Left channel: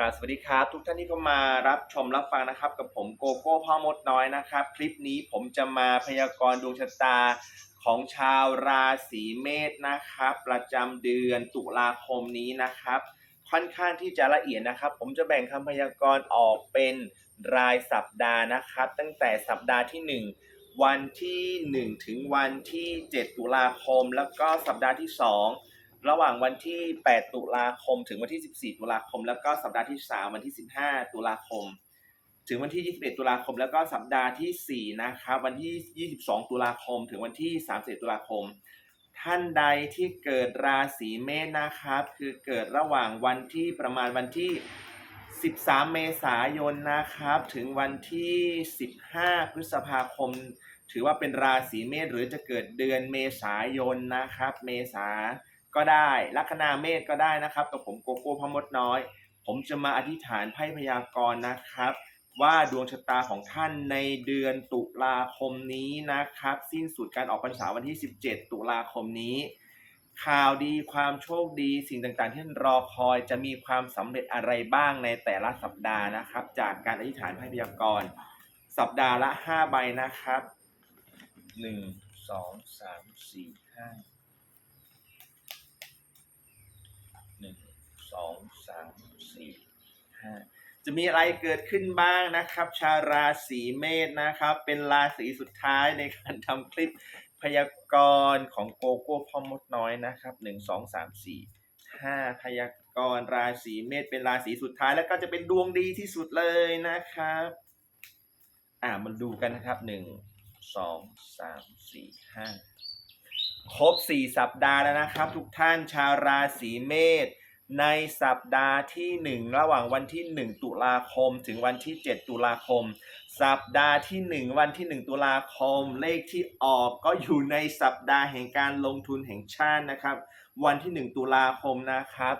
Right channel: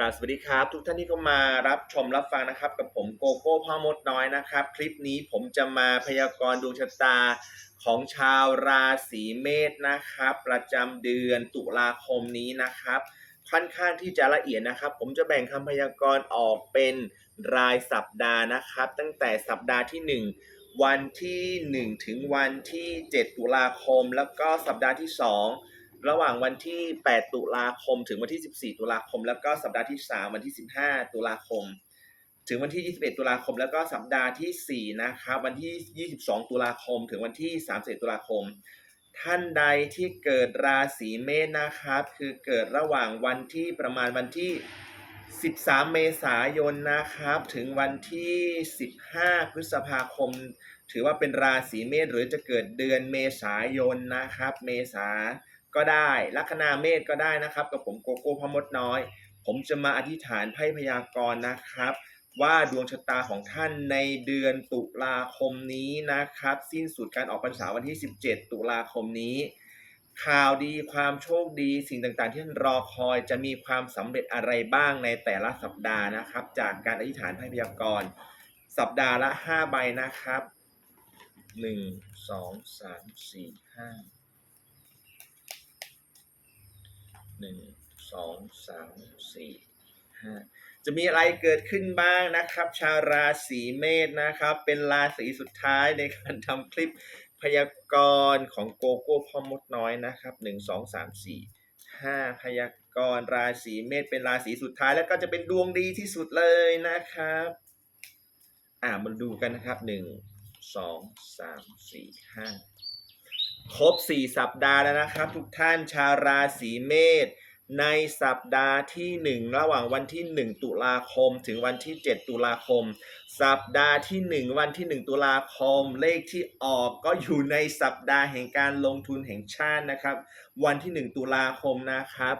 ราบสวัสดีครับ ทุกท่านที่เข้ามารับชมรับฟังนะครับ กับผมโกโก้พ่อมดน้อยนะครับ คลิปนี้ผมจะมาพยากรณ์ดวงชะตาของชาวราศีเมษนะครับ ประจำเดือนตุลาคมนี้นะครับ ค่อนข้างที่จะละเอียดนะครับ ผมจะแบ่งคำพยากรณ์ออกเป็นรายสัปดาห์นะครับ ตั้งแต่สัปดาห์ที่ 1 วันที่ 1 ถึงวันที่ 7 ตุลาคม แล้วก็สัปดาห์ที่ 2 ระหว่างวันที่ 8 ตุลาคม ถึงวันที่ 14 ตุลาคม แล้วก็สัปดาห์ที่ 3 วันที่ 15 ตุลาคม ถึงวันที่ 21 ตุลาคม แล้วก็สัปดาห์ที่ 4 นะครับ วันที่ 22 ตุลาคม ถึงวันที่ 31 ตุลาคม ท่านใดที่เกิดราศีเมษนะครับ คือเกิดระหว่างวันที่ประมาณวันที่ 13 เมษายนนะครับ ถึงวันที่ 15 พฤษภาคม ถือว่าเป็นราศีเมษหรือจะเกิดเดือนเมษายนนะครับ เมษา ก็ได้ลัคนาเมษก็ได้นะครับกับผมโกโก้พมดน้อย ผมจะมาอธิษฐานไพ่พยากรณ์นะครับ ว่าดวงชะตาของท่านในเดือนตุลาคมนี้นะครับ สิ้นสุดการออกพรรษาวันที่ 17 ตุลาคมนี้ ข่าวดีความโชคดีสิ่งต่างๆ ที่ท่านรอคอยจะมีความสำเร็จอะไรบ้างในแต่ละสัปดาห์นะครับ จากการอธิษฐานไพ่พยากรณ์สัปดาห์ละ 5 ใบนะครับ 1 2 3 4 5 หนึ่งสองสามสี่ห้าจะมีอะไรเกิดขึ้นบ้างนะครับ ชาวราศีเมษนะครับ เป็นราศีสุดท้ายในการทำคลิปพยากรณ์ของโกโก้พ่อมดน้อยนะครับหนึ่งสองสามสี่ห้าพยากรณ์ราศีเมษเป็นราศีสุดท้ายแล้วก็จะเป็นดวงดีที่สุดเลยนะครับ อ่ามาดูกันนะครับหนึ่งสองสามสี่ห้า ครบ 4 สัปดาห์แล้วนะครับ ทุกท่านชาวราศีเมษในสัปดาห์ที่ 1 ระหว่างวันที่ 1 ตุลาคม ถึงวันที่ 7 ตุลาคม สัปดาห์ที่ 1 วันที่ 1 ตุลาคม เลขที่ออกก็อยู่ในสัปดาห์แห่งการลงทุนแห่งชาตินะครับ วันที่ 1 ตุลาคมนะครับ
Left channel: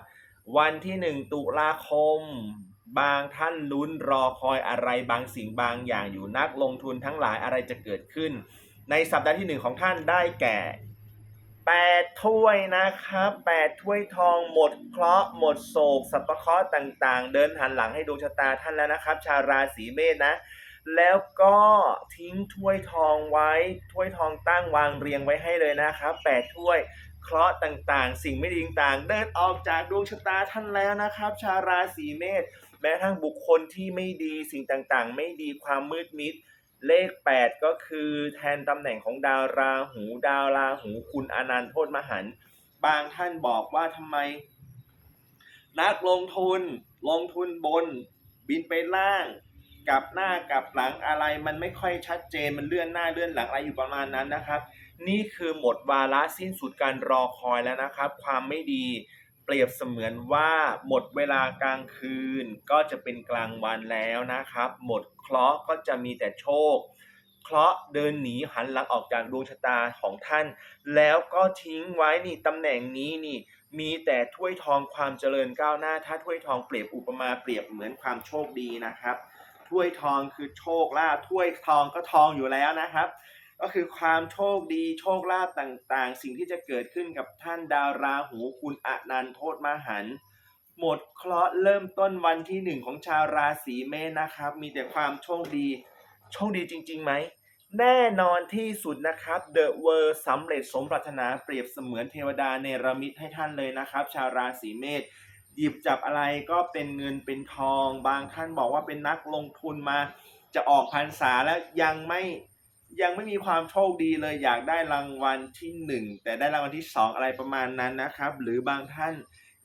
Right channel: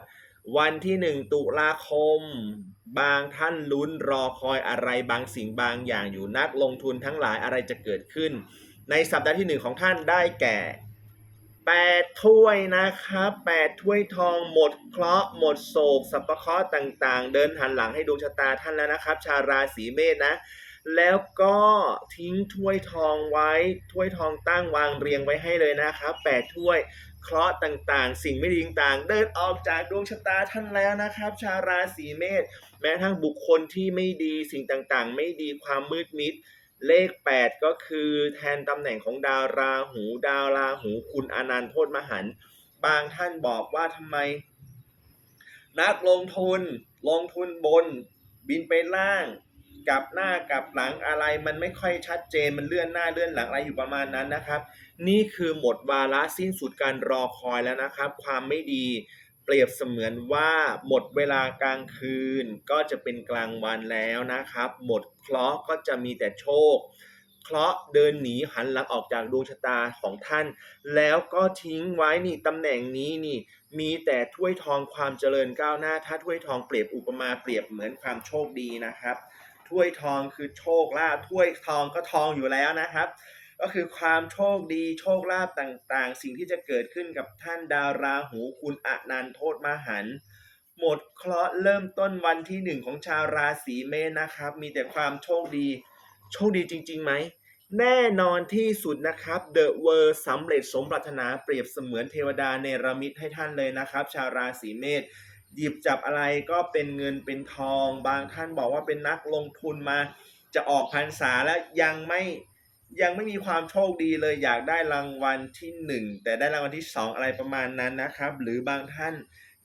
วันที่ 1 ตุลาคม บางท่านลุ้นรอคอยอะไรบางสิ่งบางอย่างอยู่นักลงทุนทั้งหลายอะไรจะเกิดขึ้น ในสัปดาห์ที่ 1 ของท่านได้แก่ แปดถ้วยนะครับแปดถ้วยทองหมดเคราะห์หมดโศกสัพพะเคราะห์ต่างๆ เดินหันหลังให้ดวงชะตาท่านแล้วนะครับ ชาวราศีเมษนะ แล้วก็ทิ้งถ้วยทองไว้ ถ้วยทองตั้งวางเรียงไว้ให้เลยนะครับแปดถ้วยเคราะห์ต่างๆ สิ่งไม่ดีต่างๆ เดินออกจากดวงชะตาท่านแล้วนะครับ ชาวราศีเมษแม้ทั่งบุคคลที่ไม่ดีสิ่งต่างๆ ไม่ดีความมืดมิด เลข 8 ก็คือแทนตำแหน่งของดาวราหู ดาวราหูคุณอนันต์โทษมหันบางท่านบอกว่าทำไม นักลงทุนลงทุนบน บินไปล่างกลับหน้ากลับหลังอะไรมันไม่ค่อยชัดเจนมันเลื่อนหน้าเลื่อนหลังอะไรอยู่ประมาณนั้นนะครับ นี่คือหมดวาระสิ้นสุดการรอคอยแล้วนะครับ ความไม่ดี เปรียบเสมือนว่าหมดเวลากลางคืนก็จะเป็นกลางวันแล้วนะครับ หมดเคราะห์ก็จะมีแต่โชค เคราะห์เดินหนีหันหลังออกจากดวงชะตาของท่าน แล้วก็ทิ้งไว้นี่ตำแหน่งนี้นี่มีแต่ถ้วยทองความเจริญก้าวหน้า ถ้าถ้วยทองเปรียบอุปมาเปรียบเหมือนความโชคดีนะครับ ถ้วยทองคือโชคลาภถ้วยทองก็ทองอยู่แล้วนะครับ ก็คือความโชคดีโชคลาภต่างๆ สิ่งที่จะเกิดขึ้นกับท่านดาวราหูคุณอนันโทษมหัน หมดเคราะห์เริ่มต้นวันที่หนึ่งของชาวราศีเมษนะครับ มีแต่ความโชคดี โชคดีจริงๆไหม แน่นอนที่สุดนะครับ The World สำเร็จสมปรารถนาเปรียบเสมือนเทวดาเนรมิตให้ท่านเลยนะครับ ชาวราศีเมษหยิบจับอะไรก็เป็นเงินเป็นทอง บางท่านบอกว่าเป็นนักลงทุนมาจะออกพรรษาแล้วยังไม่ ยังไม่มีความโชคดีเลยอยากได้รางวัลที่หนึ่งแต่ได้รางวัลที่สองอะไรประมาณนั้นนะครับ หรือบางท่าน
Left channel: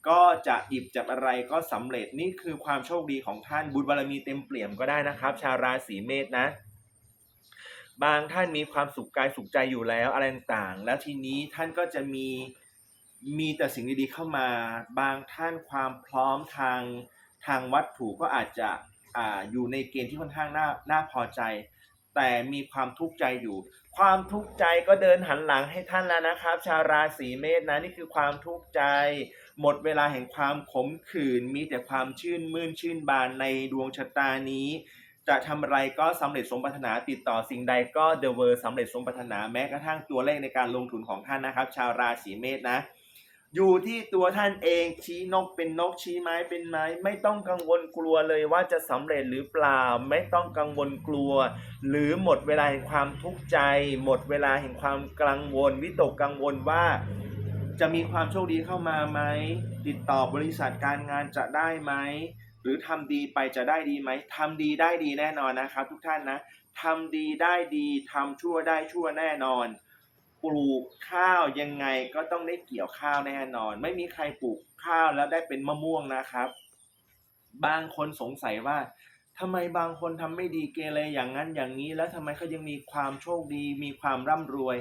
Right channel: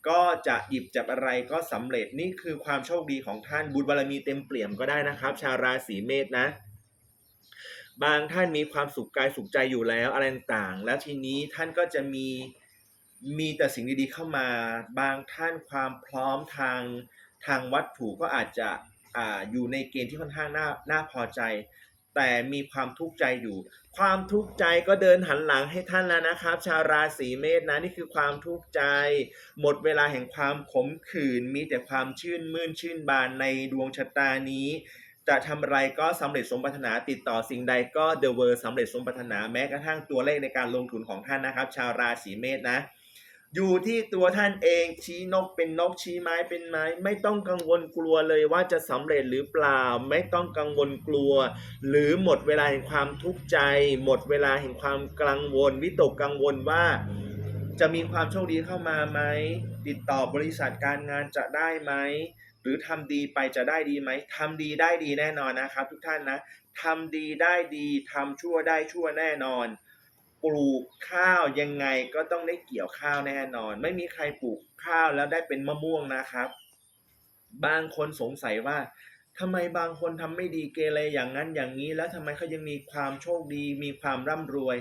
ก็จะหยิบจับอะไรก็สำเร็จนี่คือความโชคดีของท่านบุญบารมีเต็มเปี่ยมก็ได้นะครับ ชาวราศีเมษนะ บางท่านมีความสุขกายสุขใจอยู่แล้วอะไรต่างๆ แล้วทีนี้ท่านก็จะมีมีแต่สิ่งดีๆเข้ามา บางท่านความพร้อมทางทางวัตถุก็อาจจะอ่าอยู่ในเกณฑ์ที่ค่อนข้างน่าน่าพอใจ แต่มีความทุกข์ใจอยู่ ความทุกข์ใจก็เดินหันหลังให้ท่านแล้วนะครับ ชาวราศีเมษนะนี่คือความทุกข์ใจ หมดเวลาแห่งความขมขื่นมีแต่ความชื่นมื่นชื่นบานในดวงชะตานี้ จะทำอะไรก็สำเร็จสมปรารถนาติดต่อสิ่งใดก็ The World สำเร็จสมปรารถนาแม้กระทั่งตัวเลขในการลงทุนของท่านนะครับ ชาวราศีเมษนะ อยู่ที่ตัวท่านเองชี้นกเป็นนกชี้ไม้เป็นไม้ ไม่ต้องกังวลกลัวเลยว่าจะสำเร็จหรือเปล่า ไม่ต้องกังวลกลัว หรือหมดเวลาแห่งความทุกข์ใจ หมดเวลาแห่งความกังวล วิตกกังวลว่าจะมีความโชคดีเข้ามาไหม ติดต่อบริษัทการงานจะได้ไหม หรือทำดีไปจะได้ดีไหมทำดีได้ดีแน่นอนนะครับ ทุกท่านนะทำดีได้ดีทำชั่วได้ชั่วแน่นอน ลูกข้าวยังไงก็ต้องได้เกี่ยวข้าวแน่นอน ไม่มีใครปลูกข้าวแล้วได้เป็นมะม่วงนะครับ บางคนสงสัยว่าทำไมบางคนทำไม่ดีเกเรอย่างนั้นอย่างนี้ แล้วทำไมเขายังมีความโชคดี มีความร่ำรวย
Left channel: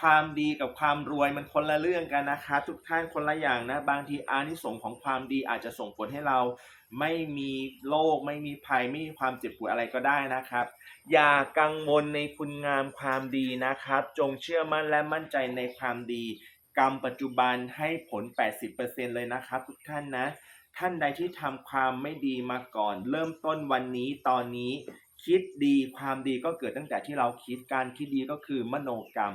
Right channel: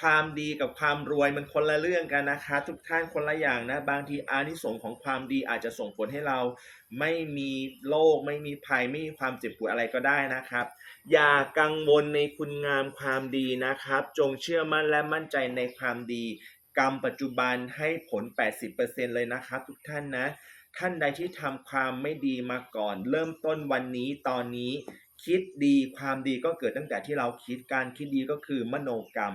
ความดีกับความรวยมันคนละเรื่องกันนะครับทุกท่านคนละอย่างนะ บางทีอานิสงส์ของความดีอาจจะส่งผลให้เรา ไม่มีโรคไม่มีภัยไม่มีความเจ็บป่วยอะไรก็ได้นะครับ อย่ากังวลในคุณงามความดีนะครับ จงเชื่อมั่นและมั่นใจในความดี กรรมปัจจุบันให้ผล 80%เลยนะครับ ทุกท่านนะ ท่านใดที่ทำความไม่ดีมาก่อน เริ่มต้นวันนี้ตอนนี้ คิดดีความดีก็เกิดตั้งแต่ที่เราคิดการคิดดีก็คือมโนกรรม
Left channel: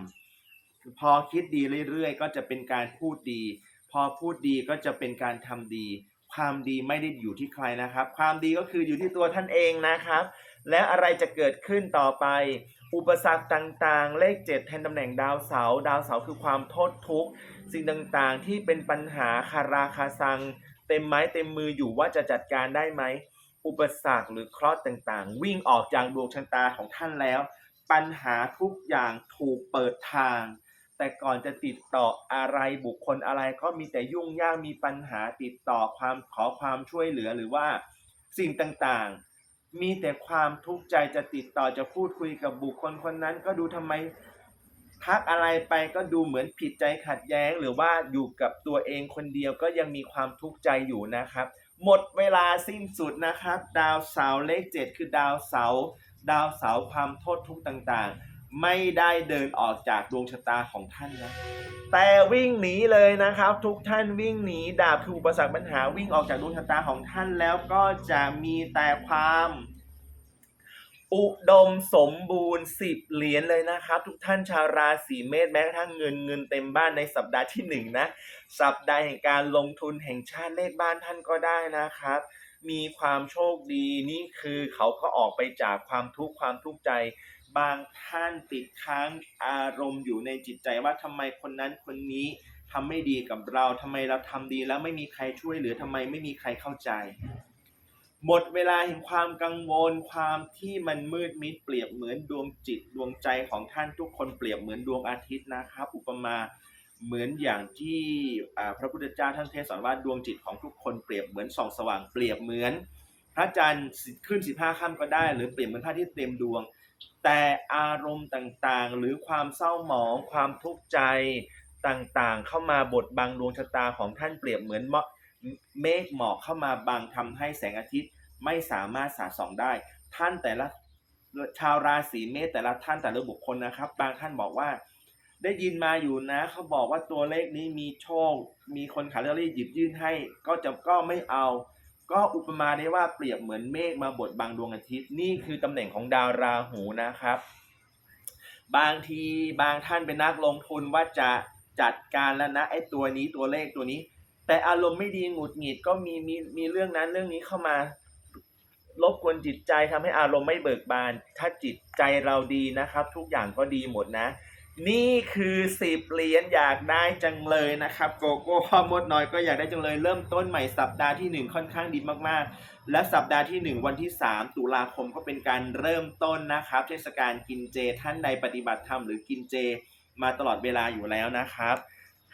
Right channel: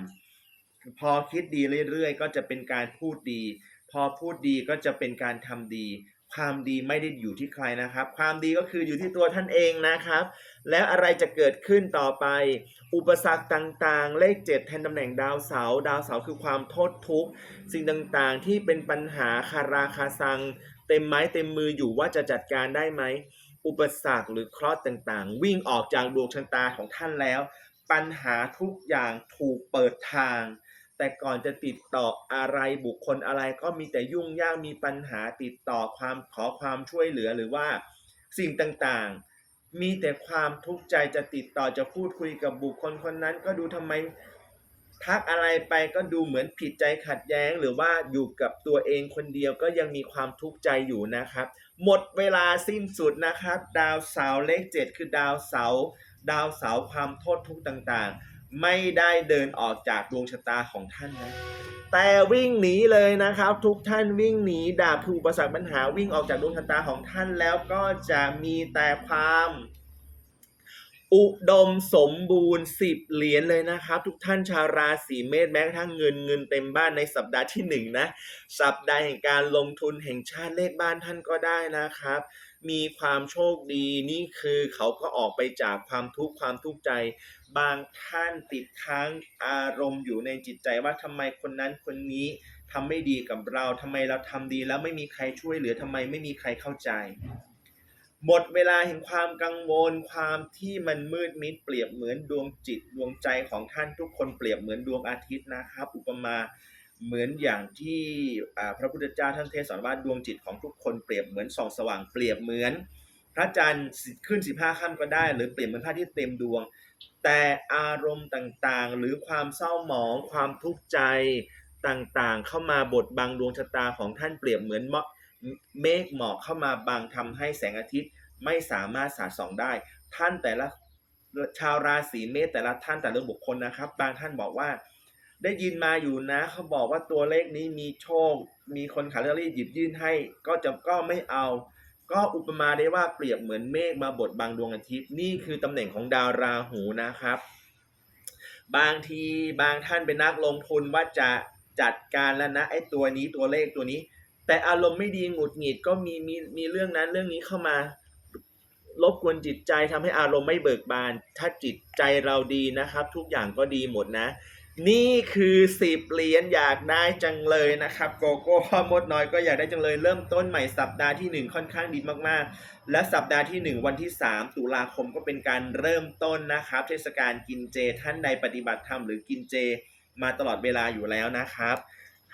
พอคิดดีเรื่อยๆ ก็จะเป็นการพูดดี พอพูดดีก็จะเป็นการทำดี ความดีไม่ได้อยู่ที่ใครนะครับ ความดีก็คืออยู่ที่ตัวท่านเองนะครับ แล้วอะไรจะเกิดขึ้นต่อไป อุปสรรคต่างๆ เลขเจ็ดแทนตำแหน่งดาวเสาดาวเสาคือความโทษทุกข์สิ่งต่างๆ ที่เป็นปัญหาคาราคาซัง เต็มไม้เต็มมืออยู่ว่าจะจัดการได้ไหมอุปสรรคหรือเคราะห์ต่างๆ วิ่งออกจากดวงชะตาของท่านแล้ว ปัญหาทุกอย่างถูกเปิดทาง แต่ก่อนจะติดต่ออะไรบุคคลอะไรก็มีแต่ยุ่งยากมีปัญหาติดต่อความขอความช่วยเหลือหรือว่าสิ่งต่างๆ มีแต่ความทุกข์ใจจะติดต่อจะพูดคุยกับบุคคลคนนั้น ก็ดูทำไมทักอะไรไปก็ดูเหมือนผิดใจขัดแย้ง หรือว่าอยู่กับตัวเองคนเดียวก็ยังมีความทุกข์ใจอยู่นะครับ หมดเวลาสิ้นสุดนะครับ ดาวเสาร์เลขเจ็ดคือดาวเสาร์ดาวเสาร์ความโทษทุกข์ต่างๆ ไม่ได้เดินออกจากดวงชะตาของท่านนะแต่วิ่งหนีเลยนะครับ ทุกท่านวิ่งหนีดาบคืออุปสรรคปัญหาวิ่งออกจากดวงชะตาของท่านแล้วก็จะมีแต่ความ อุดมสมบูรณ์สิบเหรียญเลยนะครับ ทุกท่านชาวราศีเมษแม้กระทั่งเงินเงินเต็มบ้านในสัปดาห์ที่หนึ่งนะสัปดาห์แห่งการลงทุนแห่งชาติเลขบ้านท่านก็ได้นะครับมีความโชคดีนี่คือเขาก็ออกไปจากความทุกข์ความทุกข์ใจ บางท่านติดค้างอารมณ์อยู่ในจิตใจว่าทำไมคนนั้นคนนี้ทำไม่ดีกับเราทำไมเราทำดีแล้วไม่มีใครช่วยเหลือทำไมไม่มีใครเข้าใจ หมดเวลาแห่งความกังวลความที่มันมืดมิดเปรียบเหมือนดวงจิตดวงใจของท่านทุกคนเปรียบเหมือนดวงอาทิตย์นะครับ อุปมาเหมือนอย่างที่พระพุทธเจ้าท่านเทศสอนว่าดวงจิตของทุกคนเปรียบเหมือนส่องสว่างเปรียบเหมือน พระจันทร์ขึ้นสิบห้าค่ำก็ได้ หรือเปลี่ยนเหมือนพระทิตย์เต็มดวง แต่อารมณ์ต่างๆ หรือความเศร้าหมองความทุกข์ใจต่างๆ เข้ามาบดบังดวงชะตาของท่านเปรียบเหมือนเมฆหมอกเข้ามาบังทำให้แสงอาทิตย์ไม่สามารถสาดส่องได้ ท่านแต่ละชาวราศีเมษแต่ละท่านแต่ละบุคคลนะครับ บางท่านบอกว่า ได้ยินมาอยู่นะ เขาบอกว่าตัวเลขนี้มีโชค มีคนขายลอตเตอรี่หยิบยื่นให้ ก็จะก็ไม่เอา ก็อุปมาได้ว่าเปรียบเหมือนเมฆมาบดบังดวงอาทิตย์นี่คือตำแหน่งของดาวราหูนะครับ บางทีบางท่านเป็นนักลงทุนว่าจะจัดการแล้วนะไอ้ตัวนี้ตัวเลขตัวนี้ แต่อารมณ์ไม่ดีหงุดหงิดก็มีมีมีเรื่องนั้นเรื่องนี้เข้ามารบกวนจิตใจทำให้อารมณ์ไม่เบิกบาน ถ้าจิตใจเราดีนะครับ ทุกอย่างก็ดีหมดนะ นี่คือสิบเหรียญอยากได้จังเลยนะครับโกโก้พ่อมดน้อยก็อยากได้จังเลยเริ่มต้นใหม่สัปดาห์ที่หนึ่งค่อนข้างดีมากๆ และสัปดาห์ที่หนึ่งวันที่ 3 ตุลาคมก็เป็นการเริ่มต้นนะครับเทศกาลกินเจท่านใดปฏิบัติธรรมหรือกินเจมาตลอดเวลาอยู่แล้วนะครับ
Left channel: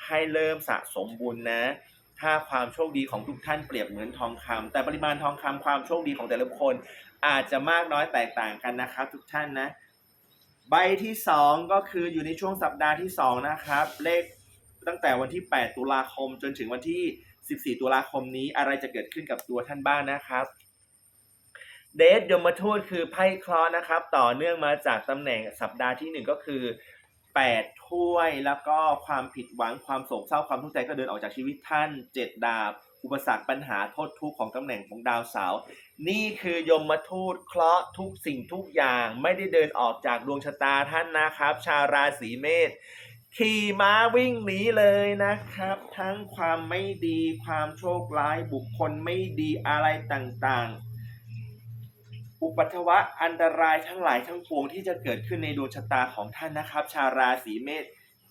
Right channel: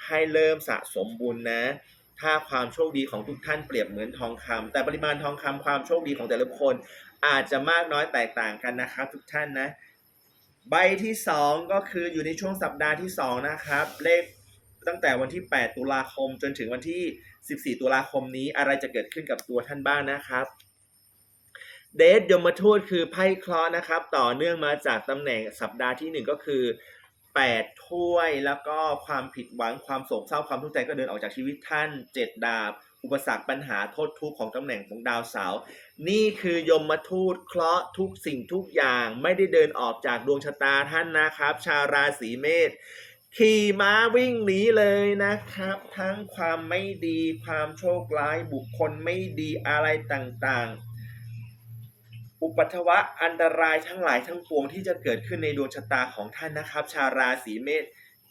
ให้เริ่มสะสมบุญนะ ถ้าความโชคดีของทุกท่านเปรียบเหมือนทองคำแต่ปริมาณทองคำความโชคดีของแต่ละคนอาจจะมากน้อยแตกต่างกันนะครับ ทุกท่านนะ ใบที่ 2 ก็คืออยู่ในช่วงสัปดาห์ที่ 2 นะครับ เลขตั้งแต่วันที่ 8 ตุลาคมจนถึงวันที่ 14 ตุลาคมนี้อะไรจะเกิดขึ้นกับตัวท่านบ้างนะครับ เดทยมทูตคือไพ่เคราะห์นะครับ ต่อเนื่องมาจากตำแหน่งสัปดาห์ที่ 1 ก็คือ 8 ถ้วยแล้วก็ความผิดหวังความโศกเศร้าความทุกข์ใจก็เดินออกจากชีวิตท่าน 7 ดาบ อุปสรรคปัญหาโทษทุกข์ของตำแหน่งของดาวเสาร์ นี่คือยมทูตเคราะห์ทุกสิ่งทุกอย่างไม่ได้เดินออกจากดวงชะตาท่านนะครับ ชาวราศีเมษขี่ม้าวิ่งหนีเลยนะครับ ทั้งความไม่ดีความโชคร้ายบุคคลไม่ดีอะไรต่างๆ อุปัทวะอันตรายทั้งหลายทั้งปวงที่จะเกิดขึ้นในดวงชะตาของท่านนะครับ ชาวราศีเมษ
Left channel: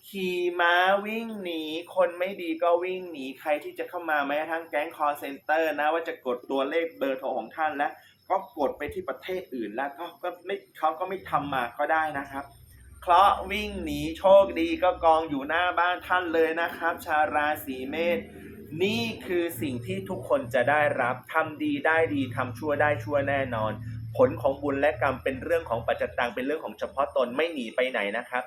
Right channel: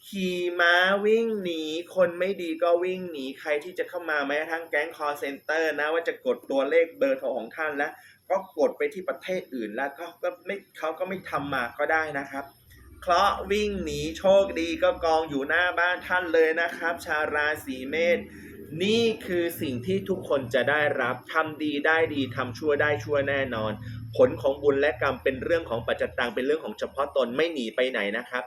ขี่ม้าวิ่งหนี คนไม่ดีก็วิ่งหนี ใครที่จะเข้ามาแม้กระทั่งแก๊งคอร์เซนเตอร์นะว่าจะกดตัวเลขเบอร์โทรของท่านแล้วก็กดไปที่ประเทศอื่นแล้วเขาก็ไม่เขาก็ไม่ทำมาก็ได้นะครับ เคราะห์วิ่งหนีโชคดีก็กองอยู่หน้าบ้านท่านเลยนะครับ ชาวราศีเมษนี่คือสิ่งที่ทุกคนจะได้รับทำดีได้ดีทำชั่วได้ชั่วแน่นอน ผลของบุญและกรรมเป็นเรื่องของปัจจตังเป็นเรื่องของเฉพาะตนไม่หนีไปไหนนะครับ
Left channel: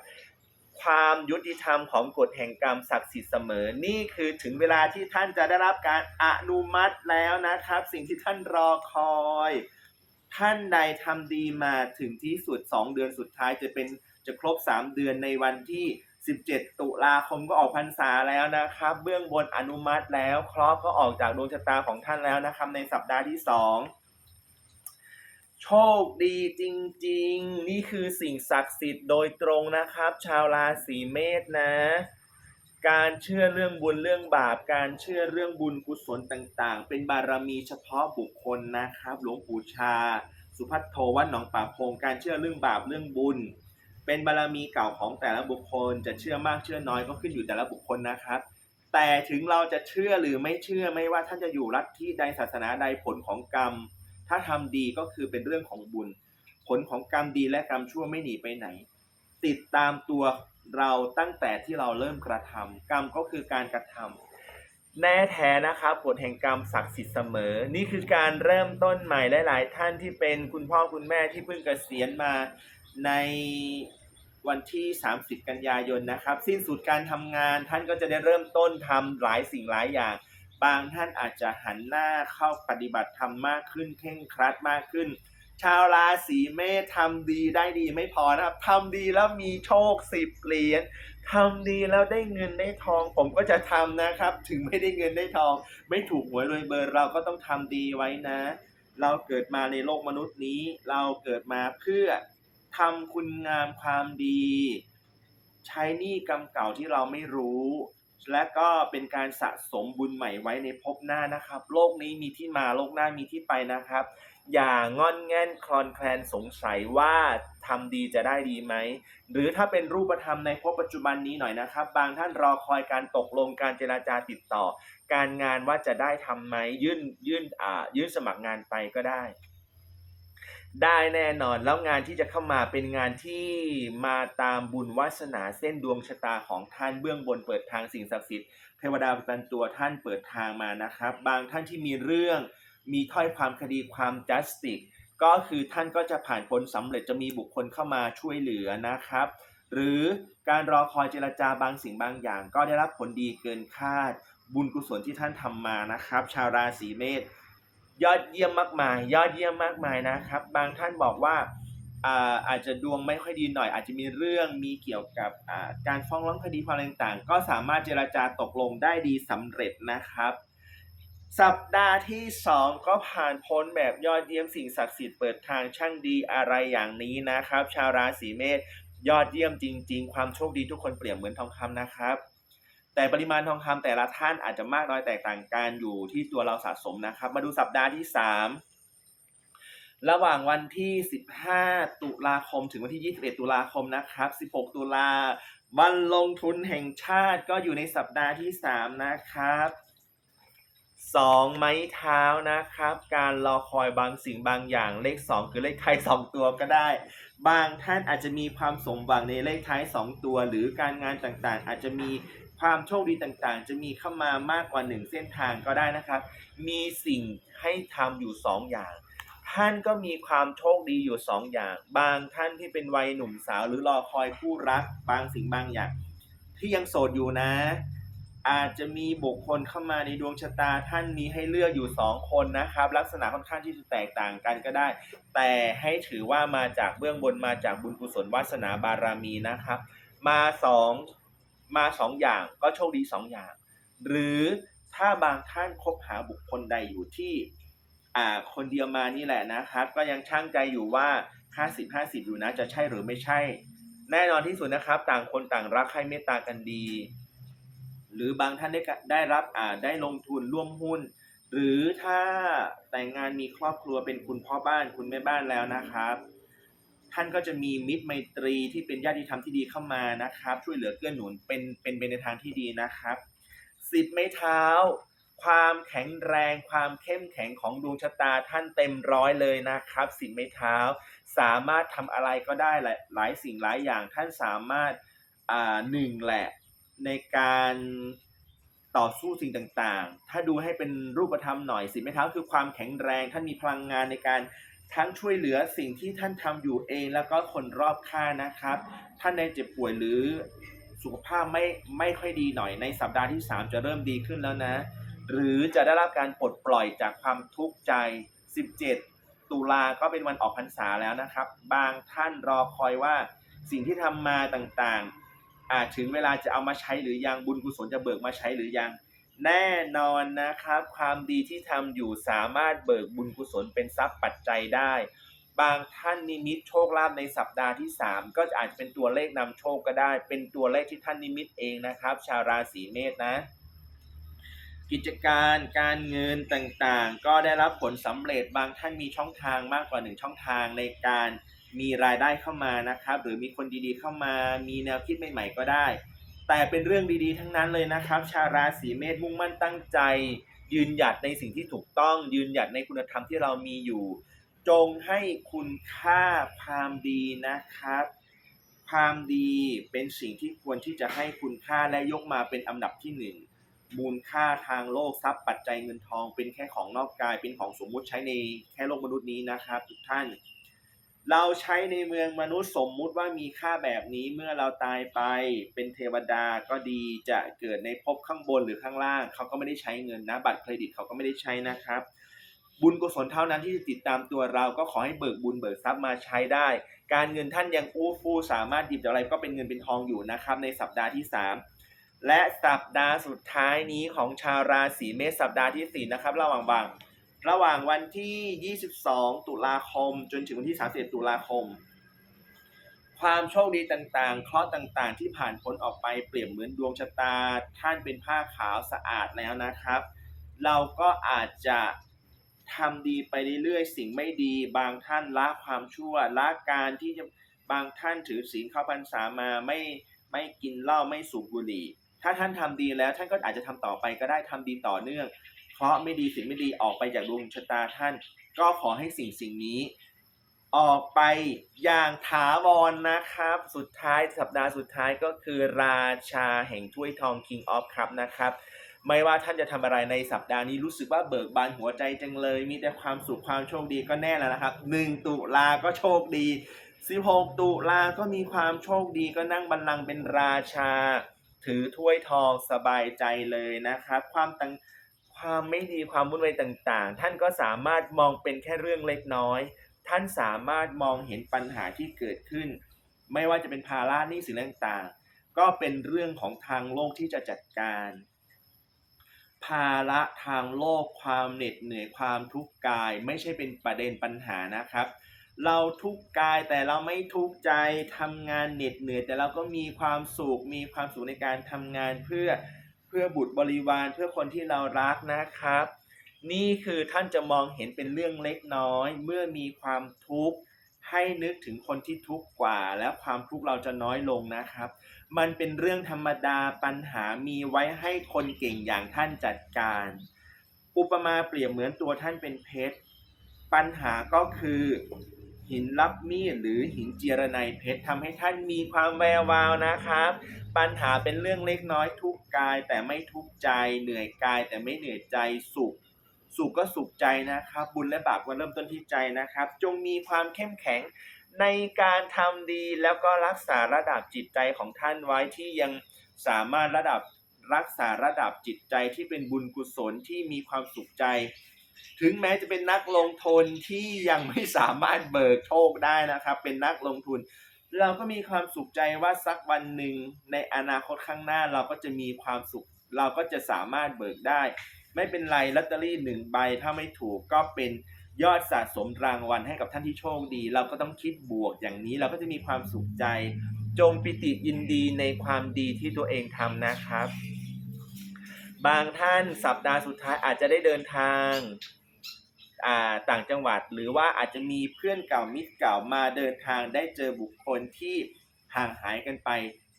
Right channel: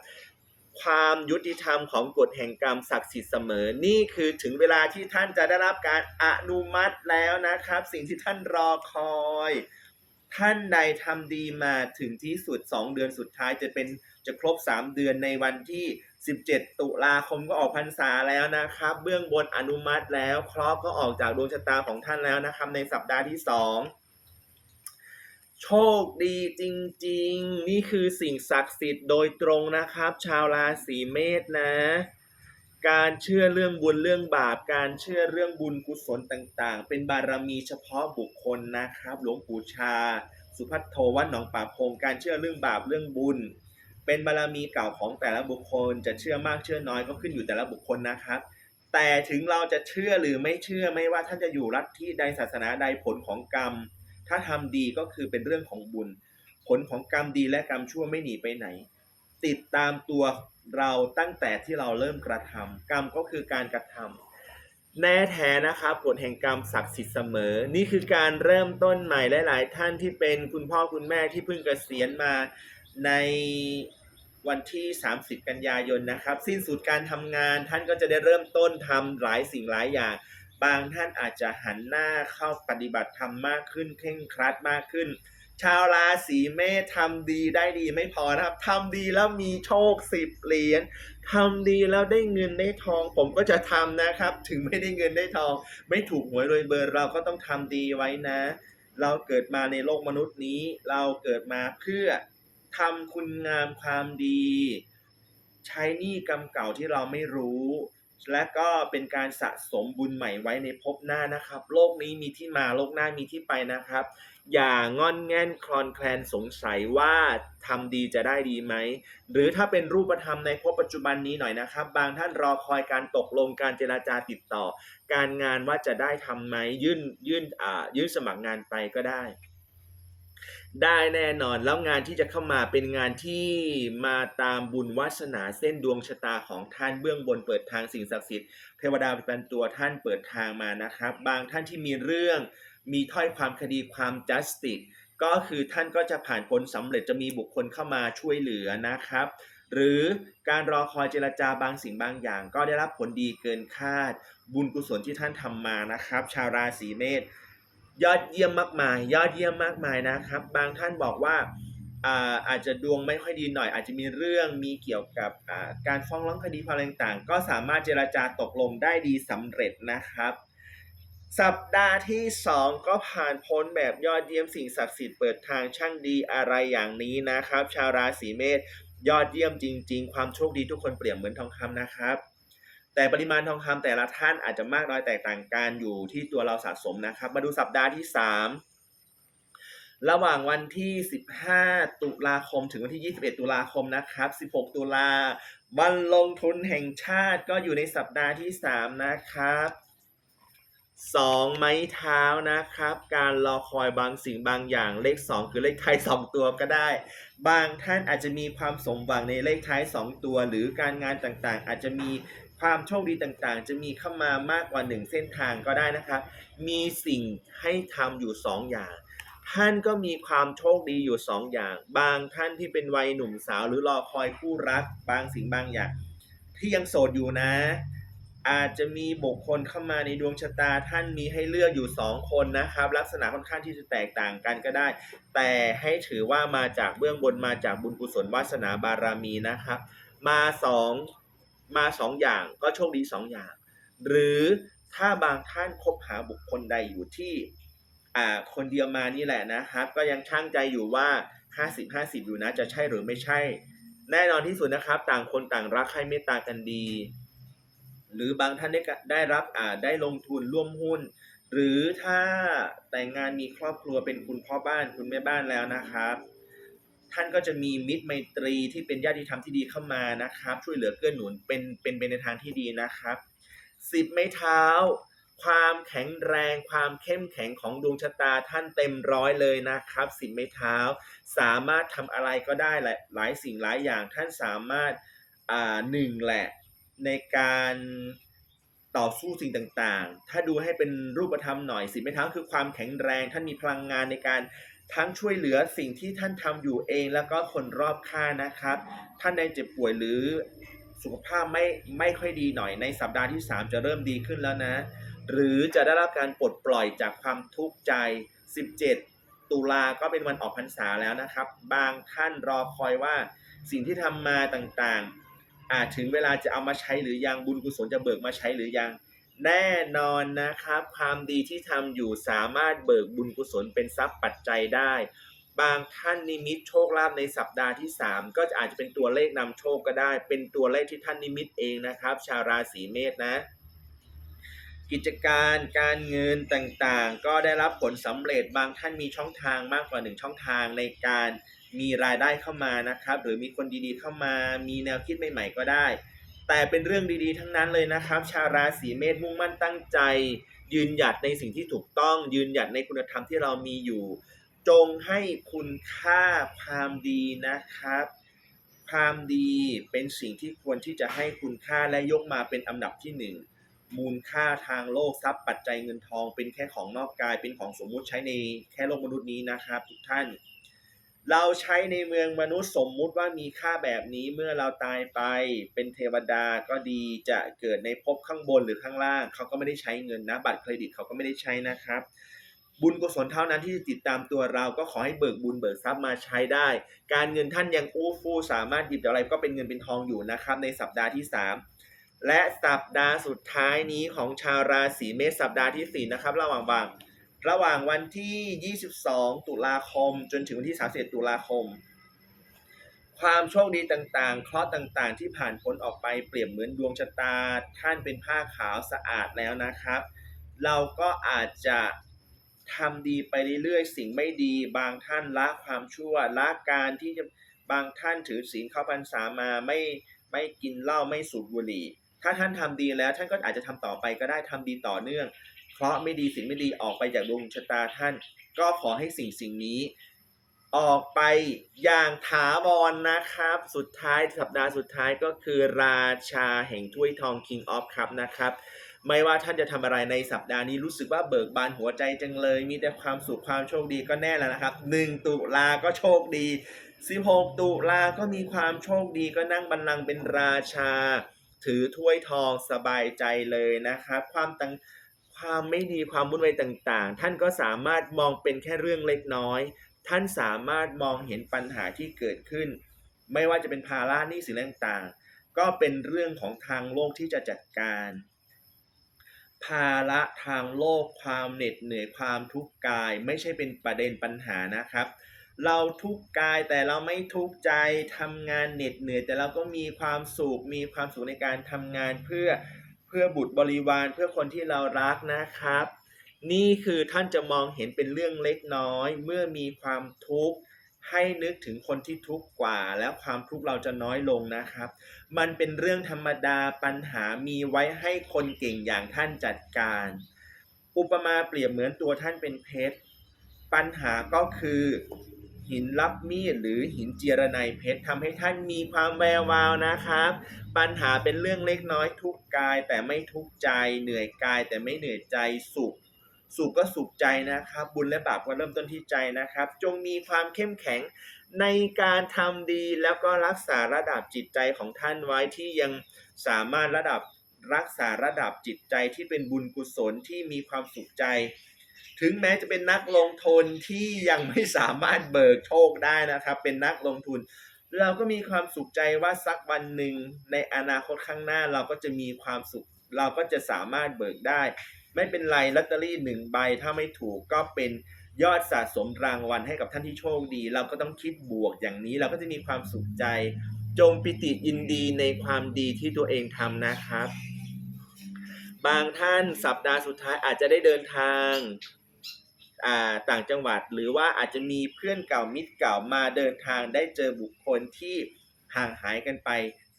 ความยุติธรรมของกฎแห่งกรรมศักดิ์สิทธิ์เสมอ นี่คือถึงเวลาที่ท่านจะได้รับการอนุมัติแล้วนะครับ สิ่งที่ท่านรอคอย ท่านใดทำดีมาถึงที่สุด 2 เดือนสุดท้ายจะเป็นจะครบ 3 เดือนในวันที่ 17 ตุลาคมก็ออกพรรษาแล้วนะครับ เบื้องบนอนุมัติแล้ว คราะห์ก็ออกจากดวงชะตาของท่านแล้วนะครับ ในสัปดาห์ที่ 2 โชคดีจริงๆ นี่คือสิ่งศักดิ์สิทธิ์โดยตรงนะครับ ชาวราศีเมษนะ การเชื่อเรื่องบุญเรื่องบาป การเชื่อเรื่องบุญกุศลต่างๆ เป็นบารมีเฉพาะบุคคลนะครับ หลวงปู่ชา สุพัทโทวัดหนองป่าพง การเชื่อเรื่องบาปเรื่องบุญ เป็นบารมีเก่าของแต่ละบุคคล จะเชื่อมากเชื่อน้อยก็ขึ้นอยู่แต่ละบุคคลนะครับแต่ถึงเราจะเชื่อหรือไม่เชื่อไม่ว่าท่านจะอยู่รัฐที่ใดศาสนาใดผลของกรรม ถ้าทำดีก็คือเป็นเรื่องของบุญ ผลของกรรมดีและกรรมชั่วไม่หนีไปไหน ติดตามตัวเราตั้งแต่ที่เราเริ่มกระทำกรรมก็คือการกระทำแน่แท้นะครับกฎแห่งกรรมศักดิ์สิทธิ์เสมอ นี่คือการเริ่มต้นใหม่หลายๆ ท่านที่เป็นคุณพ่อคุณแม่ที่เพิ่งเกษียณมาในวันที่ 30 กันยายนนะครับ สิ้นสุดการทำงานท่านก็จะได้เริ่มต้นทำหลายสิ่งหลายอย่าง บางท่านอาจจะหันหน้าเข้าปฏิบัติธรรมมากขึ้นเคร่งครัดมากขึ้น ชาวราศีเมษทำดีได้ดีไม่พอนะครับทำดีแล้วมีโชคสิบเหรียญทำดีแล้วได้เงินได้ทอง ผมก็จะทำนะครับ ถึงไม่ได้เงินได้ทอง ไม่ถูกหวยโดยเบอร์เราก็ต้องทำดีไว้นะ เราเกิดมาในโลกมนุษย์นี้ เราเกิดมาเพื่อทำคุณงามความดี ใช้หนี้กรรมเก่าที่เราไม่รู้ และก็เป็นการสะสมบุญใหม่ไว้ในภพหน้านะครับ โลกนี้มีที่มาโลกหน้ามีที่ไปนะครับ อย่างอนแง่นคลอนแคลนสงสัยว่าทำดีจะได้ดีไหม หรือถ้าเป็นรูปธรรมในภพปัจจุบันนี้หน่อยนะครับ บางท่านรอคอยการตกลงการเจราจาติดต่อ การงานว่าจะได้ทำไหมยื่นยื่นอ่ายื่นสมัครงานไปก็ได้ ได้แน่นอนแล้วงานที่จะเข้ามาเป็นงานที่มาตามบุญวาสนาเส้นดวงชะตาของท่านเบื้องบนเปิดทางสิ่งศักดิ์สิทธิ์เทวดาประจำตัวท่านเปิดทางมานะครับ บางท่านที่มีเรื่อง มีถ้อยความคดีความ justice ก็คือท่านก็จะผ่านพ้นสำเร็จจะมีบุคคลเข้ามาช่วยเหลือนะครับ หรือการรอคอยเจรจาบางสิ่งบางอย่าง ก็ได้รับผลดีเกินคาด บุญกุศลที่ท่านทำมานะครับ ชาวราศีเมษ ยอดเยี่ยมมากมาย ยอดเยี่ยมมากมายนะครับ บางท่านบอกว่าอาอาจจะดวงไม่ค่อยดีหน่อย อาจจะมีเรื่องมีเกี่ยวกับการฟ้องร้องคดีความต่างๆ ก็สามารถเจราจาตกลงได้ดีสำเร็จนะครับ สัปดาห์ที่ 2 ก็ผ่านพ้นแบบยอดเยี่ยมสิ่งศักดิ์สิทธิ์เปิดทางช่างดีอะไรอย่างนี้นะครับ ชาวราศีเมษยอดเยี่ยมจริง ๆ ความโชคดีทุกคนเปรียบเหมือนทองคำนะครับ แต่ปริมาณทองคำแต่ละท่านอาจจะมากน้อยแตกต่างกันอยู่ที่ตัวเราสะสมนะครับ มาดูสัปดาห์ที่ 3 ระหว่างวันที่ 15 ตุลาคมถึงวันที่ 21 ตุลาคมนะครับ 16 ตุลาวันลงทุนแห่งชาติก็อยู่ในสัปดาห์ที่ 3 นะครับสองไม้เท้านะครับ การรอคอยบางสิ่งบางอย่างเลข 2 คือเลขท้าย2ตัวก็ได้ บางท่านอาจจะมีความสมหวังในเลขท้าย 2 ตัว หรือการงานต่างๆ อาจจะมี ความโชคดีต่างๆ จะมีเข้ามามากกว่า 1 เส้นทางก็ได้นะครับ มีสิ่งให้ทำอยู่ 2 อย่าง ท่านก็มีความโชคดีอยู่ 2 อย่าง บางท่านที่เป็นวัยหนุ่มสาวหรือรอคอยคู่รัก บางสิ่งบางอย่าง ที่ยังโสดอยู่นะ อาจจะมีบุคคลเข้ามาในดวงชะตาท่านมีให้เลือกอยู่ 2 คนนะครับ ลักษณะค่อนข้างที่จะแตกต่างกันก็ได้ แต่ให้ถือว่ามาจากเบื้องบนมาจากบุญกุศลวาสนาบารมีนะครับมาสอง มาสองอย่างก็โชคดีสองอย่าง หรือถ้าบางท่านคบหาบุคคลใดอยู่ที่อ่าคนเดียวมานี่แหละนะครับ ก็ยังช่างใจอยู่ว่า 50 50 อยู่นะจะใช่หรือไม่ใช่ แน่นอนที่สุดนะครับ ต่างคนต่างรักใครเมตตากันดี หรือบางท่านได้ได้รับอ่าได้ลงทุนร่วมหุ้น หรือถ้าแต่งงานมีครอบครัวเป็นคุณพ่อบ้านคุณแม่บ้านแล้วนะครับ ท่านก็จะมีมิตรไมตรีที่เป็นญาติธรรมที่ดีเข้ามานะครับ ช่วยเหลือเกื้อหนุนเป็นเป็นเป็นในทางที่ดีนะครับสิบไม้เท้า ความแข็งแรง ความเข้มแข็งของดวงชะตาท่านเต็มร้อยเลยนะครับสิบไม้เท้า สามารถทำอะไรก็ได้หละหลายสิ่งหลายอย่างท่านสามารถอ่าหนึ่งแหละในการต่อสู้สิ่งต่างๆ ถ้าดูให้เป็นรูปธรรมหน่อยสิบไม้เท้าคือความแข็งแรง ท่านมีพลังงานในการ ทั้งช่วยเหลือสิ่งที่ท่านทำอยู่เองแล้วก็คนรอบข้างนะครับ ท่านในเจ็บป่วยหรือสุขภาพไม่ไม่ค่อยดีหน่อยในสัปดาห์ที่ 3 จะเริ่มดีขึ้นแล้วนะ หรือจะได้รับการปลดปล่อยจากความทุกข์ใจ 17 ตุลาก็เป็นวันออกพรรษาแล้วนะครับ บางท่านรอคอยว่าสิ่งที่ทำมาต่างๆอาจถึงเวลาจะเอามาใช้หรือยังบุญกุศลจะเบิกมาใช้หรือยัง แน่นอนนะครับ ความดีที่ทำอยู่สามารถเบิกบุญกุศลเป็นทรัพย์ปัจจัยได้ บางท่านนิมิตโชคลาภในสัปดาห์ที่ 3 ก็อาจจะเป็นตัวเลขนำโชคก็ได้ เป็นตัวเลขที่ท่านนิมิตเองนะครับ ชาวราศีเมษนะกิจการการเงินต่างๆ ก็ได้รับผลสำเร็จบางท่านมีช่องทางมากกว่าหนึ่งช่องทางในการมีรายได้เข้ามานะครับ หรือมีคนดีๆเข้ามา มีแนวคิดใหม่ๆก็ได้ แต่เป็นเรื่องดีๆทั้งนั้นเลยนะครับ ชาวราศีเมษมุ่งมั่นตั้งใจ ยืนหยัดในสิ่งที่ถูกต้อง ยืนหยัดในคุณธรรมที่เรามีอยู่ จงให้คุณค่าความดีนะครับ ความดีเป็นสิ่งที่ควรที่จะให้คุณค่าและยกมาเป็นอันดับที่หนึ่งมูลค่าทางโลกทรัพย์ปัจจัยเงินทองเป็นแค่ของนอกกายเป็นของสมมุติใช้ในแค่โลกมนุษย์นี้นะครับทุกท่าน เราใช้ในเมืองมนุษย์สมมุติว่ามีค่าแบบนี้เมื่อเราตายไปเป็นเทวดาก็ดีจะเกิดในภพข้างบนหรือข้างล่างเขาก็ไม่ได้ใช้เงินนะ บัตรเครดิตเขาก็ไม่ได้ใช้นะครับ บุญกุศลเท่านั้นที่จะติดตามตัวเราก็ขอให้เบิกบุญเบิกทรัพย์มาใช้ได้ การเงินท่านยังอู้ฟู่สามารถหยิบอะไรก็เป็นเงินเป็นทองอยู่นะครับ ในสัปดาห์ที่ 3 และสัปดาห์สุดท้ายนี้ของชาวราศีเมษสัปดาห์ที่4นะครับระหว่างบาง ระหว่างวันที่ 22 ตุลาคม จนถึงวันที่ 31 ตุลาคม ความโชคดีต่างๆ เคราะห์ต่างๆ ที่ผ่านพ้นออกไปเปรียบเหมือนดวงชะตา ท่านเป็นผ้าขาวสะอาดแล้วนะครับ เราก็อาจจะทำดีไปเรื่อยๆ สิ่งไม่ดี บางท่านละความชั่วละการที่จะบางท่านถือศีลเข้าพรรษามาไม่ไม่กินเหล้าไม่สูบบุหรี่ ถ้าท่านทำดีแล้วท่านก็อาจจะทำต่อไปก็ได้ทำดีต่อเนื่อง เพราะห์ไม่ดีสิ่งไม่ดีออกไปจากดวงชะตาท่าน ก็ขอให้สิ่งสิ่งนี้ ออกไปอย่างถาวรนนะครับ สุดท้ายสัปดาห์สุดท้ายก็คือราชาแห่งถ้วยทอง King of Cup นะครับไม่ว่าท่านจะทำอะไรในสัปดาห์นี้รู้สึกว่าเบิกบานหัวใจจังเลย มีแต่ความสุขความโชคดีก็แน่แล้วนะครับ 1 ตุลาก็โชคดี 16 ตุลาก็มีความโชคดีก็นั่งบัลลังก์เป็นราชา ถือถ้วยทองสบายใจเลยนะครับ ความตัง ความไม่ดีความวุ่นวายต่างๆ ท่านก็สามารถมองเป็นแค่เรื่องเล็กน้อย ท่านสามารถมองเห็นปัญหาที่เกิดขึ้น ไม่ว่าจะเป็นภาระหนี้สินต่างๆ ก็เป็นเรื่องของทางโลกที่จะจัดการ ภาระทางโลกความเหน็ดเหนื่อยความทุกข์กาย ไม่ใช่เป็นประเด็นปัญหานะครับ เราทุกข์กายแต่เราไม่ทุกข์ใจทำงานเหน็ดเหนื่อย แต่เราก็มีความสุขมีความสุขในการทำงานเพื่อ เพื่อบุตรบริวารเพื่อคนที่เรารักนะครับ นี่คือท่านจะมองเห็นเป็นเรื่องเล็กน้อย เมื่อมีความทุกข์ให้นึกถึงคนที่ทุกข์กว่า และความทุกข์เราจะน้อยลงนะครับ มันเป็นเรื่องธรรมดาปัญหามีไว้ให้คนเก่งอย่างท่านจัดการ อุปมาเปรียบเหมือนตัวท่านเป็นเพชรปัญหาก็คือ หินรับมีดหรือหินเจียรไนเพชรทำให้ท่านมีความแวววาวนะครับ ปัญหาเป็นเรื่องเล็กน้อยทุกกายแต่ไม่ทุกใจเหนื่อยกายแต่ไม่เหนื่อยใจสุข สุขก็สุขใจนะครับ บุญและบาปก็เริ่มต้นที่ใจนะครับ จงมีความเข้มแข็งในการทำดีแล้วก็รักษาระดับจิตใจของท่านไว้ที่ยังสามารถระดับรักษาระดับจิตใจที่เป็นบุญกุศลที่มีความสุขใจ ถึงแม้จะเป็นนักลงทุนที่ยังไม่สามารถเบิกโชคได้นะครับ เป็นนักลงทุน เราก็มีความสุขใจว่าสักวันหนึ่งในอนาคตข้างหน้าเราก็จะมีความสุข เราก็จะสามารถเบิกได้ ไม่เป็นไรลอตเตอรี่หนึ่งใบถ้าไม่ถูกก็เป็นยอดสะสมรางวัลให้กับท่านที่โชคดี เราก็ต้องคิดบวกอย่างนี้เราก็จะมีความสุขใจ จงปิติยินดีในความดีที่ตัวเองทำนะครับ บางท่านสัปดาห์สุดท้ายอาจจะได้เดินทาง ต่างจังหวัด หรือว่าอาจจะมีเพื่อนเก่ามิตรเก่ามาเดินทางได้เจอบุคคลที่ห่างหายกันไป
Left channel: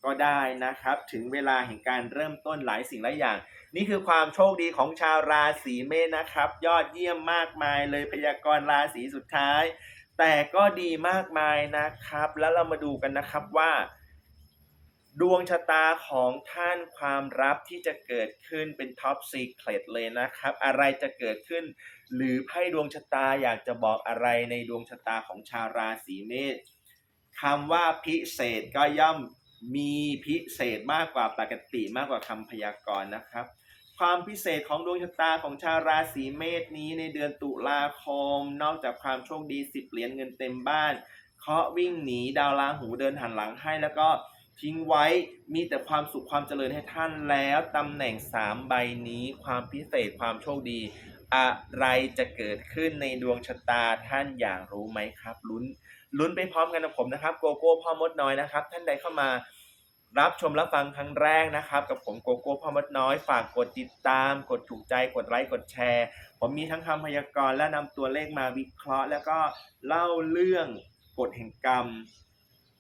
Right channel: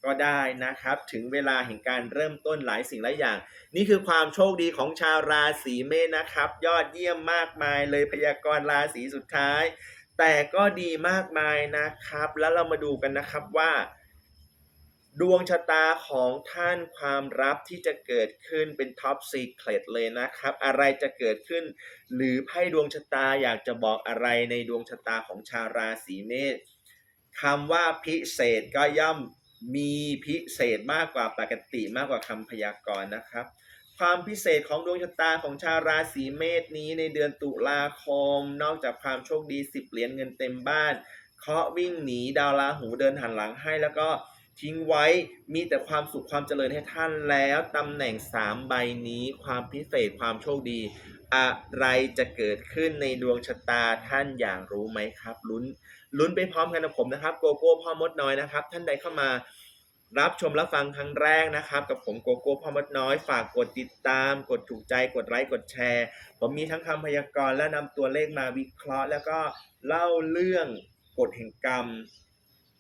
ก็ได้นะครับ ถึงเวลาแห่งการเริ่มต้นหลายสิ่งหลายอย่าง นี่คือความโชคดีของชาวราศีเมษนะครับ ยอดเยี่ยมมากมายเลยพยากรณ์ราศีสุดท้าย แต่ก็ดีมากมายนะครับ แล้วเรามาดูกันนะครับว่า ดวงชะตาของท่านความลับที่จะเกิดขึ้นเป็นท็อปซีเครตเลยนะครับ อะไรจะเกิดขึ้น หรือไพ่ดวงชะตาอยากจะบอกอะไรในดวงชะตาของชาวราศีเมษคำว่าพิเศษก็ย่อมมีพิเศษมากกว่าปกติมากกว่าคำพยากรณ์นะครับ ความพิเศษของดวงชะตาของชาวราศีเมษนี้ในเดือนตุลาคม นอกจากความโชคดี10เหรียญเงินเต็มบ้านเคาะวิ่งหนีดาวราหูเดินหันหลังให้แล้วก็ ทิ้งไว้มีแต่ความสุขความเจริญให้ท่านแล้วตำแหน่ง 3 ใบนี้ความพิเศษความโชคดี อะไรจะเกิดขึ้นในดวงชะตาท่านอยากรู้ไหมครับ ลุ้นลุ้นไปพร้อมกันกับผมนะครับโกโก้พ่อมดน้อยนะครับ ท่านใดเข้ามารับชมรับฟังครั้งแรกนะครับ กับผมโกโก้พ่อมดน้อยฝากกดติดตาม กดถูกใจกดไลค์กดแชร์ ผมมีทั้งคำพยากรณ์และนำตัวเลขมาวิเคราะห์ แล้วก็เล่าเรื่องกฎแห่งกรรม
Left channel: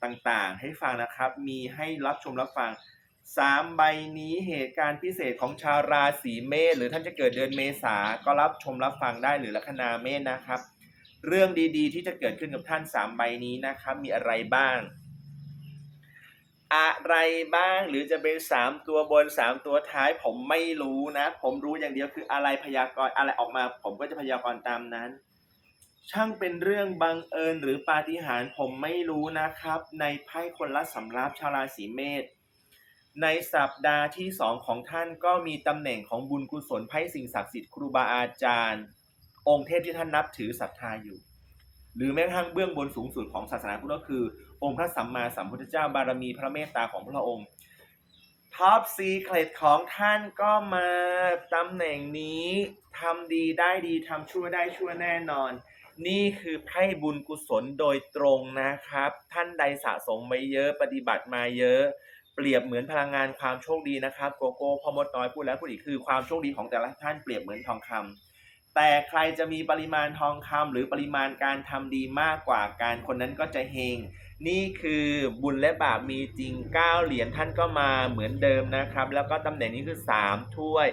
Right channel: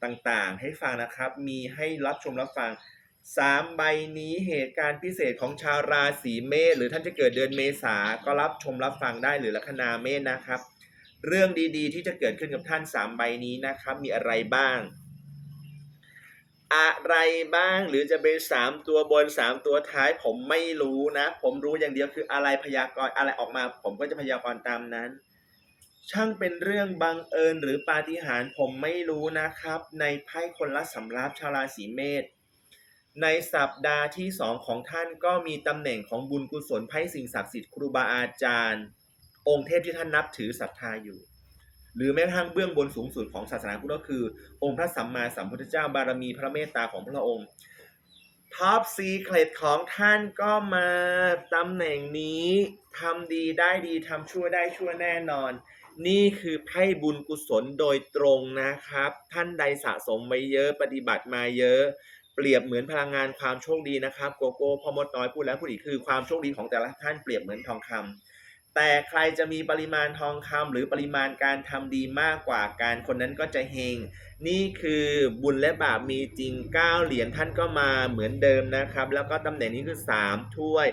ต่างๆ ให้ฟังนะครับ มีให้รับชมรับฟังสามใบนี้เหตุการณ์พิเศษของชาวราศีเมษหรือท่านจะเกิดเดือนเมษาก็รับชมรับฟังได้หรือลัคนาเมษนะครับ เรื่องดีๆ ที่จะเกิดขึ้นกับท่านสามใบนี้นะครับ มีอะไรบ้าง อะไรบ้างหรือจะเป็นสามตัวบนสามตัวท้ายผมไม่รู้นะ ผมรู้อย่างเดียวคืออะไรพยากรณ์อะไรออกมา ผมก็จะพยากรณ์ตามนั้น ช่างเป็นเรื่องบังเอิญหรือปาฏิหาริย์ผมไม่รู้นะครับ ในไพ่คนละสำรับชาวราศีเมษในสัปดาห์ที่สองของท่านก็มีตำแหน่งของบุญกุศลไพ่สิ่งศักดิ์สิทธิ์ครูบาอาจารย์ องค์เทพที่ท่านนับถือศรัทธาอยู่ หรือแม้กระทั่งเบื้องบนสูงสุดของศาสนาพุทธก็คือ องค์พระสัมมาสัมพุทธเจ้าบารมีพระเมตตาของพระองค์ท็อปซีเครตของท่านก็มาตำแหน่งนี้ทำดีได้ดีทำชั่วได้ชั่วแน่นอน นี่คือไพ่บุญกุศลโดยตรงนะครับ ท่านใดสะสมไว้เยอะปฏิบัติมาเยอะ เปรียบเหมือนพลังงานความโชคดีนะครับโกโก้พ่อมดน้อยพูดแล้วพูดอีกคือความโชคดีของแต่ละท่านเปรียบเหมือนทองคำแต่ใครจะมีปริมาณทองคำหรือปริมาณการทำดีมากกว่าการคนนั้นก็จะเฮงนี่คือบุญและบาปมีจริง9เหรียญท่านก็มาเหมือนเดิมนะครับ แล้วก็ตำแหน่งนี้คือ 3 ถ้วย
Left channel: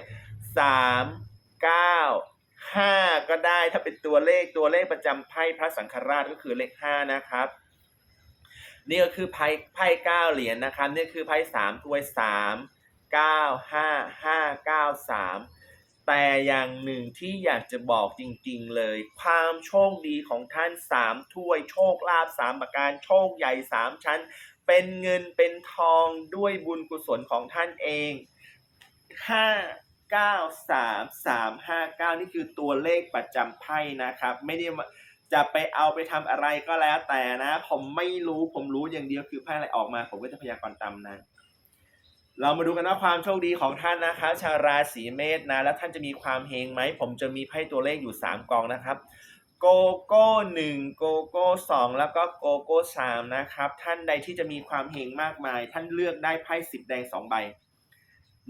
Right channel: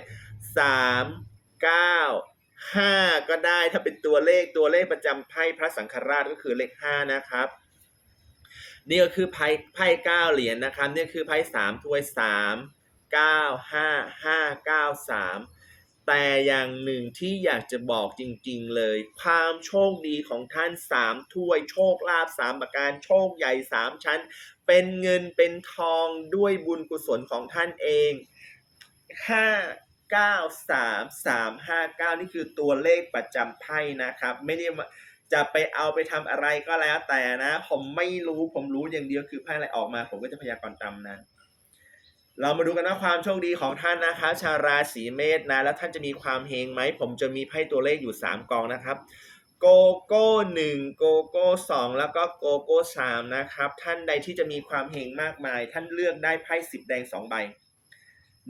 3 9 5ก็ได้ถ้าเป็นตัวเลขตัวเลขประจำไพ่พระสังฆราชก็คือเลข5นะครับนี่ก็คือไพ่ไพ่เก้าเหรียญนะครับนี่คือไพ่สามถ้วยสามเก้าห้าห้าเก้าสามแต่อย่างหนึ่งที่อยากจะบอกจริงๆเลย ความโชคดีของท่านสามถ้วยโชคลาภสามประการโชคใหญ่สามชั้น เป็นเงินเป็นทองด้วยบุญกุศลของท่านเองห้า เก้าสามสามห้าเก้านี่คือตัวเลขประจำไพ่นะครับ ไม่ได้จะไปเอาไปทำอะไรก็แล้วแต่นะ ผมไม่รู้ผมรู้อย่างเดียวคือไพ่อะไรออกมา ผมก็จะพยากรณ์ตามนั้น เรามาดูกันว่าความโชคดีของท่านนะคะชาวราศีเมษนะ แล้วท่านจะมีความเฮงไหม ผมจะมีไพ่ตัวเลขอยู่ 3กองนะครับโกโก้หนึ่งโกโก้สองแล้วก็โกโก้สามนะครับ ท่านใดที่จะมีความเฮงมากมาย ท่านเลือกได้ไพ่สิบแดงสองใบ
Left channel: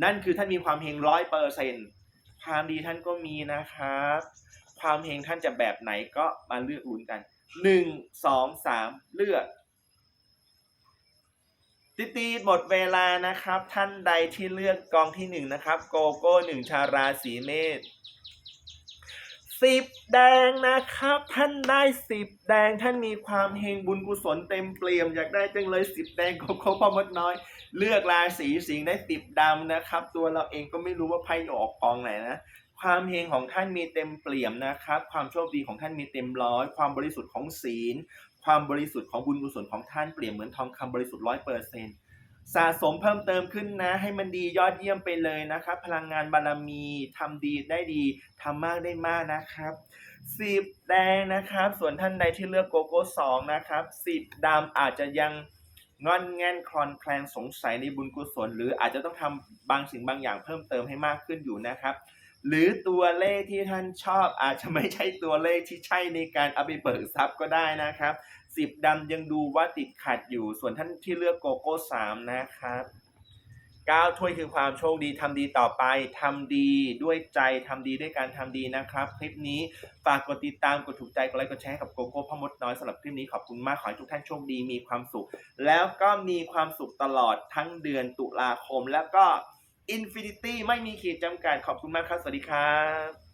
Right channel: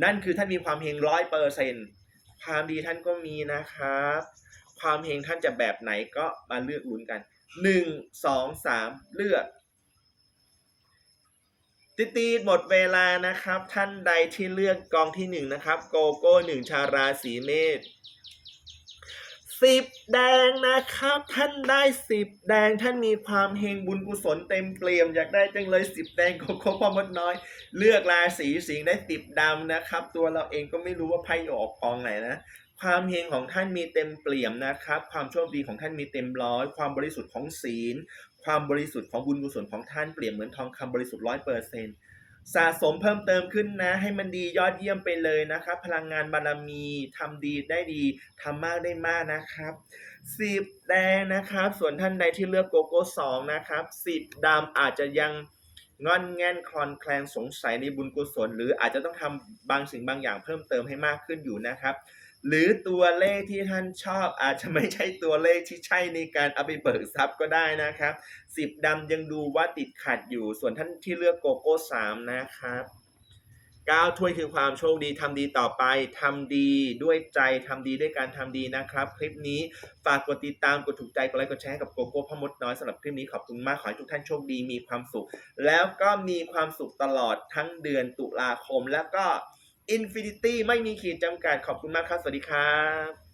นั่นคือท่านมีความเฮงร้อยเปอร์เซ็นความดีท่านก็มีนะครับ ความเฮงท่านจะแบบไหนก็มาเลือกลุ้นกันหนึ่งสองสามเลือกติตีดหมดเวลานะครับ ท่านใดที่เลือกกองที่หนึ่งนะครับ โกโก้หนึ่งชาราศีเมษสิบแดงนะครับ ท่านได้สิบแดงท่านมีความเฮงบุญกุศลเต็มเปี่ยมอยากได้จังเลยสิบแดงโกโก้พ่อมดน้อย เลือกราศีสิงห์ได้สิบดำนะครับ ตัวเราเองก็ไม่รู้ว่าไพ่ออกกองไหนนะ ความเฮงของท่านมีเต็มเปี่ยมนะครับ ความโชคดีของท่านมีเต็มร้อย ความบริสุทธิ์ของศีล ความบริสุทธิ์ของบุญกุศลของท่านเปรียบเหมือนทองคำบริสุทธิ์ร้อยเปอร์เซ็นต์สะสมเพิ่มเติมขึ้นนะ ให้มันดียอดเยี่ยมไปเลยนะครับ พลังงานบารมีทำดีได้ดีทำมากได้มากนะครับสิบแดงนะครับ ส่วนท่านใดที่เลือกโกโก้สองนะครับสิบดำอาจจะยัง งอนแงนคลอนแคลนสงสัยในบุญกุศล หรืออาจจะต้องทำบางสิ่งบางอย่างเพิ่มเติมให้มากขึ้นอยู่นะครับ หรือตัวเลขที่ท่านชอบอาจจะไม่ใช่ตัวเลขที่ใช่ในการเอาไปเบิกทรัพย์ก็ได้นะครับสิบดำยังดูว่าติดขัดอยู่ส่วนท่านที่เลือกโกโก้สามนะครับ ก้าถ้วยคือความโชคดีทำดีต่อไปทำดีด้วยใจทำดีด้วยการทำดีนะครับ คลิปนี้ฝากกดติดตามกดถูกใจกดไลค์กดแชร์ให้กับโกโก้พ่อมดน้อยสำหรับคลิปนี้ขอบคุณมากขอให้ทุกท่านโชคดีมีความสุข แล้วก็มีความสุขตลอดทั้งเดือนตุลาคม แล้วก็อินฟินิตี้ไม่มีขีดจำกัดขอบคุณมากครับ สวัสดีครับ